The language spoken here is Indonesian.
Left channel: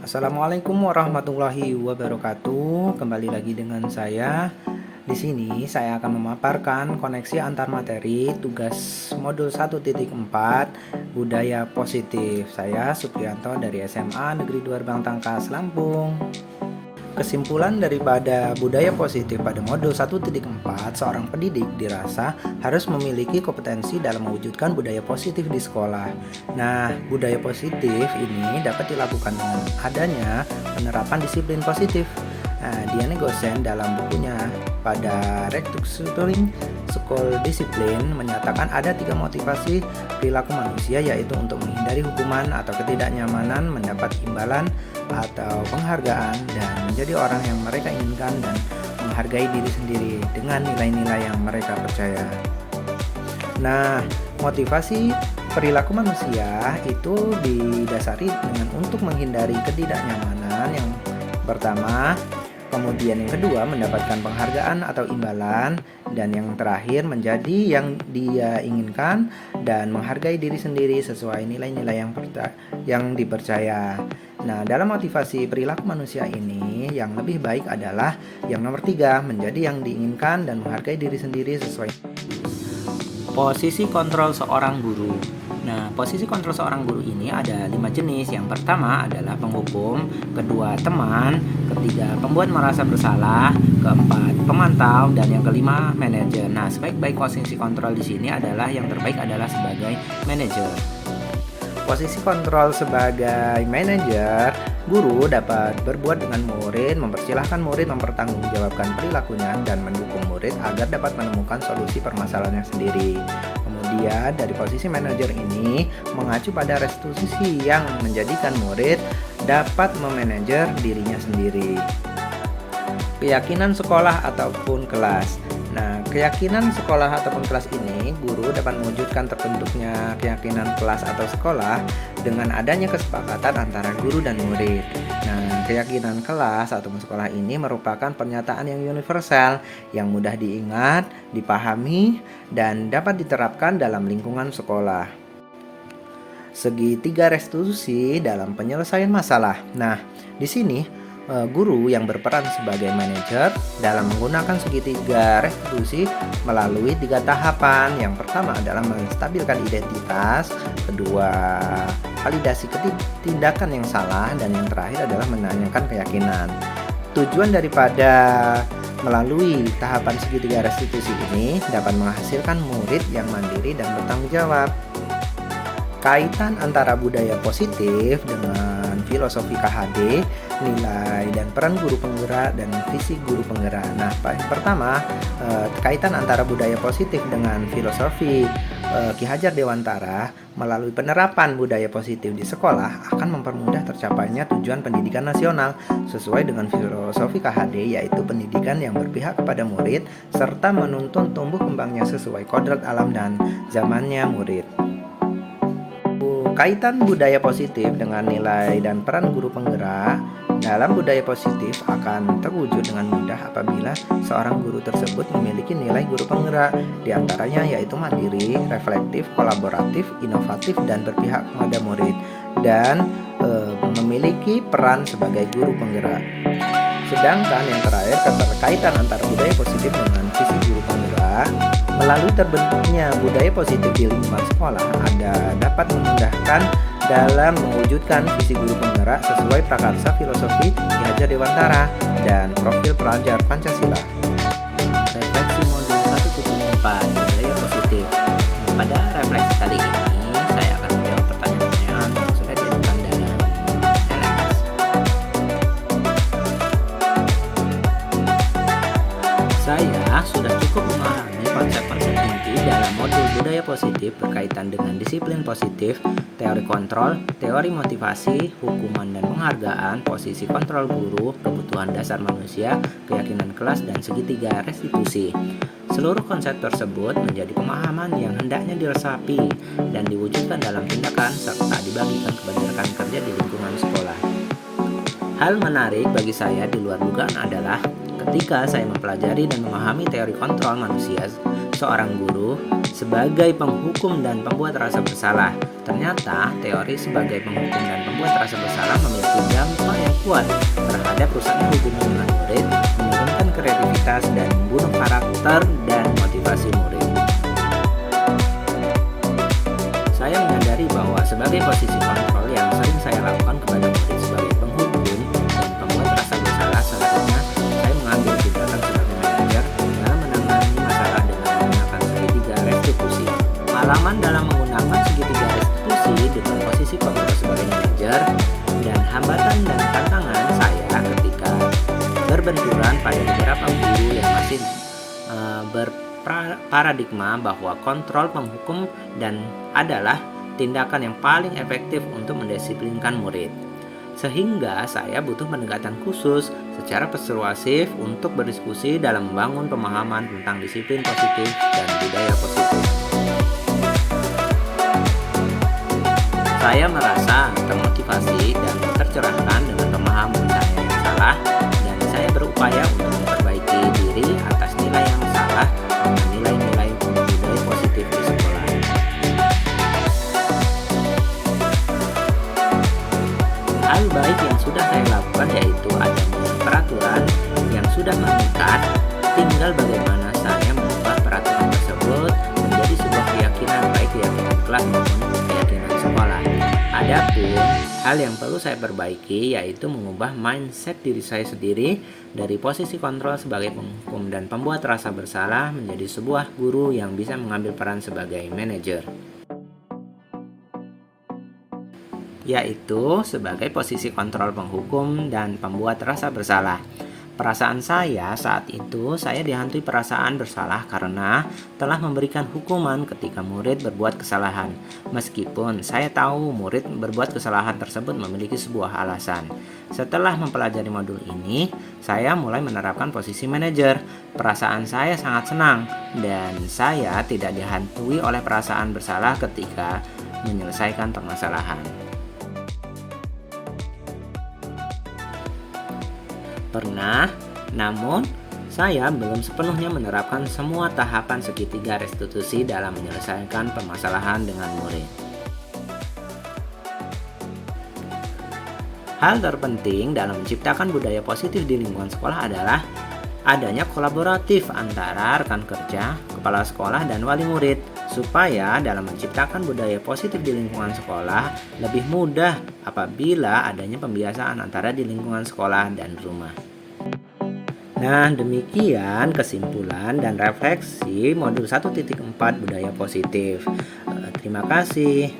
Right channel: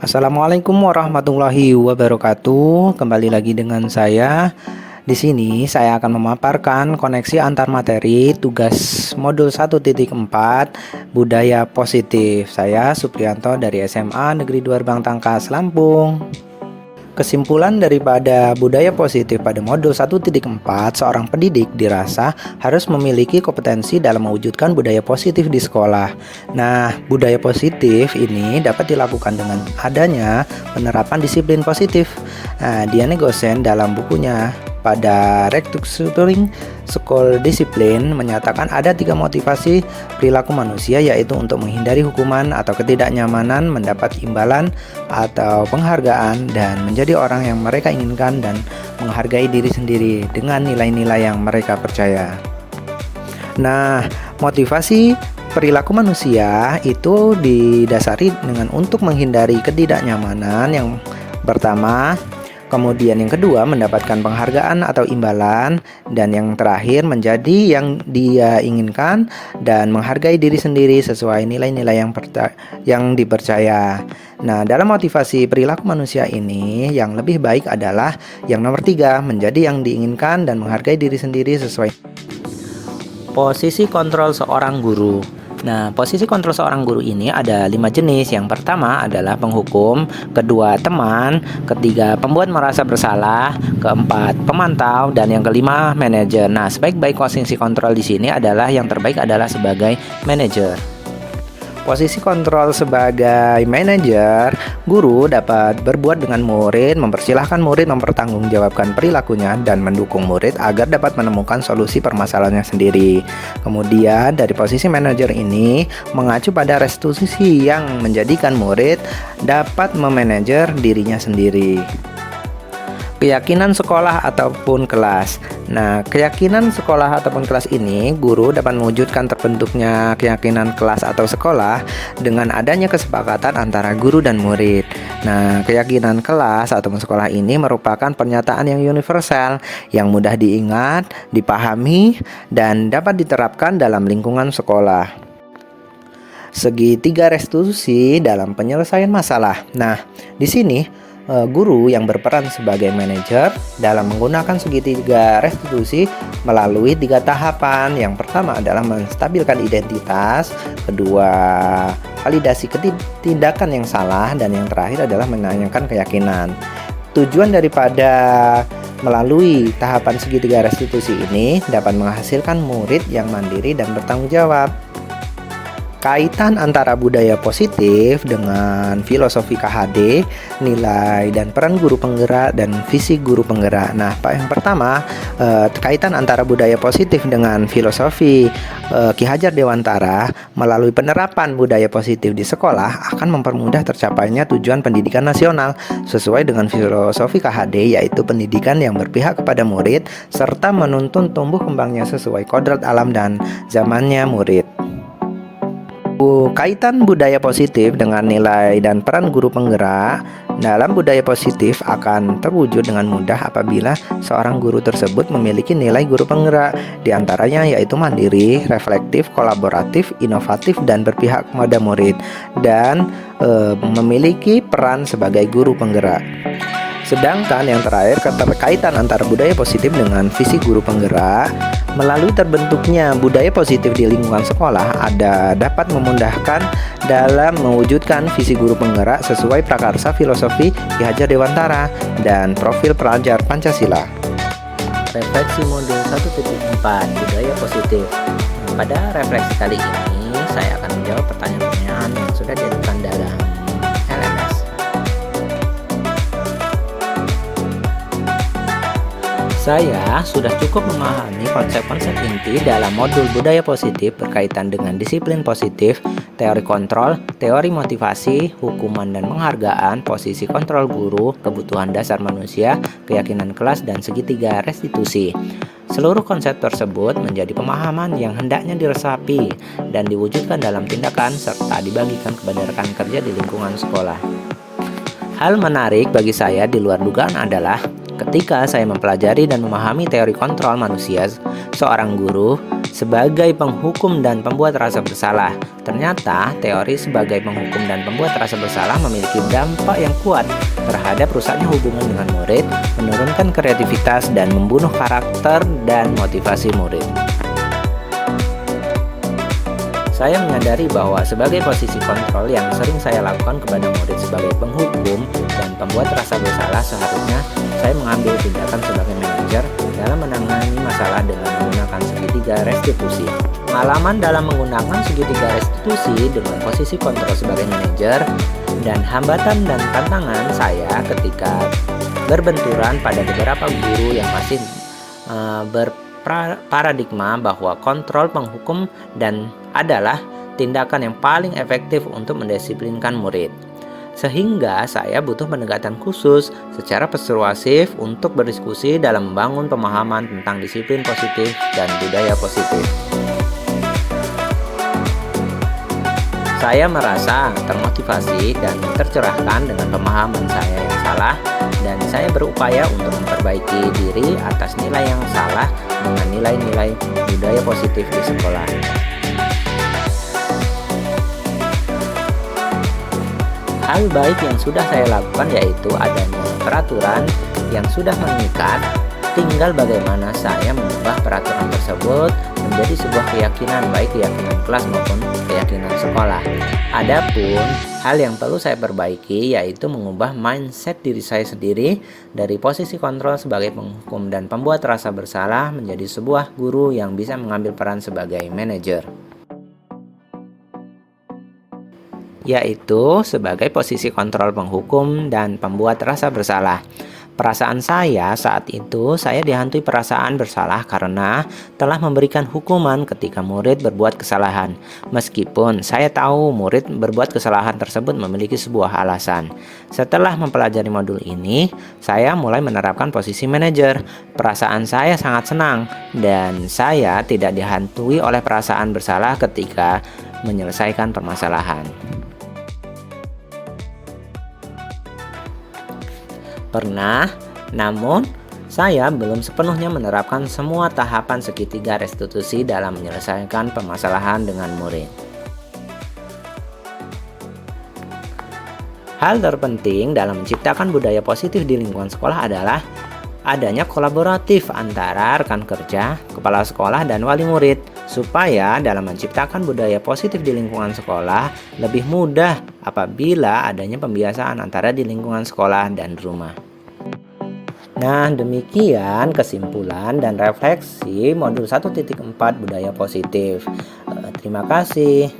Assalamualaikum warahmatullahi wabarakatuh. Kembali lagi dengan saya. Di sini saya akan memaparkan koneksi antar materi tugas modul 1.4 Budaya Positif. Saya Supriyanto dari SMA Negeri 2 Gerbang Tangkas, Lampung. Kesimpulan daripada budaya positif pada modul 1.4, seorang pendidik dirasa harus memiliki kompetensi dalam mewujudkan budaya positif di sekolah. Nah, budaya positif ini dapat dilakukan dengan adanya penerapan disiplin positif. Nah, Diane Gosen dalam bukunya pada Restructuring School Discipline menyatakan ada 3 motivasi perilaku manusia, yaitu untuk menghindari hukuman atau ketidaknyamanan, mendapat imbalan atau penghargaan, dan menjadi orang yang mereka inginkan dan menghargai diri sendiri dengan nilai-nilai yang mereka percaya. Nah, motivasi perilaku manusia itu didasari dengan untuk menghindari ketidaknyamanan yang pertama. Kemudian yang kedua, mendapatkan penghargaan atau imbalan, dan yang terakhir menjadi yang dia inginkan dan menghargai diri sendiri sesuai nilai-nilai yang dipercaya. Nah, dalam motivasi perilaku manusia ini yang lebih baik adalah yang nomor 3, menjadi yang diinginkan dan menghargai diri sendiri sesuai. Posisi kontrol seorang guru. Nah, posisi kontrol seorang guru ini ada 5 jenis. Yang pertama adalah penghukum, kedua teman, ketiga pembuat merasa bersalah, keempat pemantau, dan yang kelima manajer. Nah, sebaik-baik posisi kontrol di sini adalah yang terbaik adalah sebagai manajer. Posisi kontrol sebagai manajer, guru dapat berbuat dengan murid, mempersilahkan murid mempertanggungjawabkan perilakunya dan mendukung murid agar dapat menemukan solusi permasalahannya sendiri. Kemudian dari posisi manajer ini mengacu pada restitusi yang menjadikan murid dapat memanajer dirinya sendiri. Keyakinan sekolah ataupun kelas. Nah, keyakinan sekolah ataupun kelas ini, guru dapat mewujudkan terbentuknya keyakinan kelas atau sekolah dengan adanya kesepakatan antara guru dan murid. Nah, keyakinan kelas ataupun sekolah ini merupakan pernyataan yang universal, yang mudah diingat, dipahami, dan dapat diterapkan dalam lingkungan sekolah. Segitiga restitusi dalam penyelesaian masalah. Nah, di sini guru yang berperan sebagai manajer dalam menggunakan segitiga restitusi melalui 3 tahapan. Yang pertama adalah menstabilkan identitas, kedua validasi tindakan yang salah, dan yang terakhir adalah menanyakan keyakinan. Tujuan daripada melalui tahapan segitiga restitusi ini dapat menghasilkan murid yang mandiri dan bertanggung jawab. Kaitan antara budaya positif dengan filosofi KHD, nilai dan peran guru penggerak, dan visi guru penggerak. Nah, yang pertama, kaitan antara budaya positif dengan filosofi Ki Hajar Dewantara melalui penerapan budaya positif di sekolah akan mempermudah tercapainya tujuan pendidikan nasional sesuai dengan filosofi KHD, yaitu pendidikan yang berpihak kepada murid serta menuntun tumbuh kembangnya sesuai kodrat alam dan zamannya murid. Kaitan budaya positif dengan nilai dan peran guru penggerak. Dalam budaya positif akan terwujud dengan mudah apabila seorang guru tersebut memiliki nilai guru penggerak, diantaranya yaitu mandiri, reflektif, kolaboratif, inovatif, dan berpihak kepada murid, dan memiliki peran sebagai guru penggerak. Sedangkan yang terakhir, keterkaitan antara budaya positif dengan visi guru penggerak. Melalui terbentuknya budaya positif di lingkungan sekolah dapat memudahkan dalam mewujudkan visi guru penggerak sesuai prakarsa filosofi Ki Hajar Dewantara dan profil pelajar Pancasila. Refleksi modul 1.4 budaya positif. Pada refleksi kali ini saya akan menjawab pertanyaan yang sudah diajukan dalam LMS. Saya sudah cukup memahami konsep-konsep inti dalam modul budaya positif berkaitan dengan disiplin positif, teori kontrol, teori motivasi, hukuman dan penghargaan, posisi kontrol guru, kebutuhan dasar manusia, keyakinan kelas, dan segitiga restitusi. Seluruh konsep tersebut menjadi pemahaman yang hendaknya diresapi dan diwujudkan dalam tindakan serta dibagikan kepada rekan kerja di lingkungan sekolah. Hal menarik bagi saya di luar dugaan adalah ketika saya mempelajari dan memahami teori kontrol manusia, seorang guru sebagai penghukum dan pembuat rasa bersalah. Ternyata teori sebagai penghukum dan pembuat rasa bersalah memiliki dampak yang kuat terhadap rusaknya hubungan dengan murid, menurunkan kreativitas dan membunuh karakter dan motivasi murid. Saya menyadari bahwa sebagai posisi kontrol yang sering saya lakukan kepada murid sebagai penghukum dan pembuat rasa bersalah, seharusnya saya mengambil tindakan sebagai manajer dalam menangani masalah dengan menggunakan segitiga restitusi. Pengalaman dalam menggunakan segitiga restitusi dengan posisi kontrol sebagai manajer dan hambatan dan tantangan saya ketika berbenturan pada beberapa guru yang masih berparadigma bahwa kontrol penghukum dan adalah tindakan yang paling efektif untuk mendisiplinkan murid. Sehingga saya butuh pendekatan khusus secara persuasif untuk berdiskusi dalam membangun pemahaman tentang disiplin positif dan budaya positif. Saya merasa termotivasi dan tercerahkan dengan pemahaman saya yang salah, dan saya berupaya untuk memperbaiki diri atas nilai yang salah dengan nilai-nilai budaya positif di sekolah. Hal baik yang sudah saya lakukan yaitu adanya peraturan yang sudah mengikat, tinggal bagaimana saya mengubah peraturan tersebut menjadi sebuah keyakinan, baik keyakinan kelas maupun keyakinan sekolah. Adapun hal yang perlu saya perbaiki yaitu mengubah mindset diri saya sendiri dari posisi kontrol sebagai penghukum dan pembuat rasa bersalah menjadi sebuah guru yang bisa mengambil peran sebagai manajer, yaitu sebagai posisi kontrol penghukum dan pembuat rasa bersalah. Perasaan saya saat itu, saya dihantui perasaan bersalah karena telah memberikan hukuman ketika murid berbuat kesalahan. Meskipun saya tahu murid berbuat kesalahan tersebut memiliki sebuah alasan. Setelah mempelajari modul ini, saya mulai menerapkan posisi manajer. Perasaan saya sangat senang dan saya tidak dihantui oleh perasaan bersalah ketika menyelesaikan permasalahan. Pernah, namun saya belum sepenuhnya menerapkan semua tahapan segitiga restitusi dalam menyelesaikan permasalahan dengan murid. Hal terpenting dalam menciptakan budaya positif di lingkungan sekolah adalah adanya kolaboratif antara rekan kerja, kepala sekolah, dan wali murid, supaya dalam menciptakan budaya positif di lingkungan sekolah lebih mudah apabila adanya pembiasaan antara di lingkungan sekolah dan rumah. Nah, demikian kesimpulan dan refleksi modul 1.4 budaya positif. Terima kasih.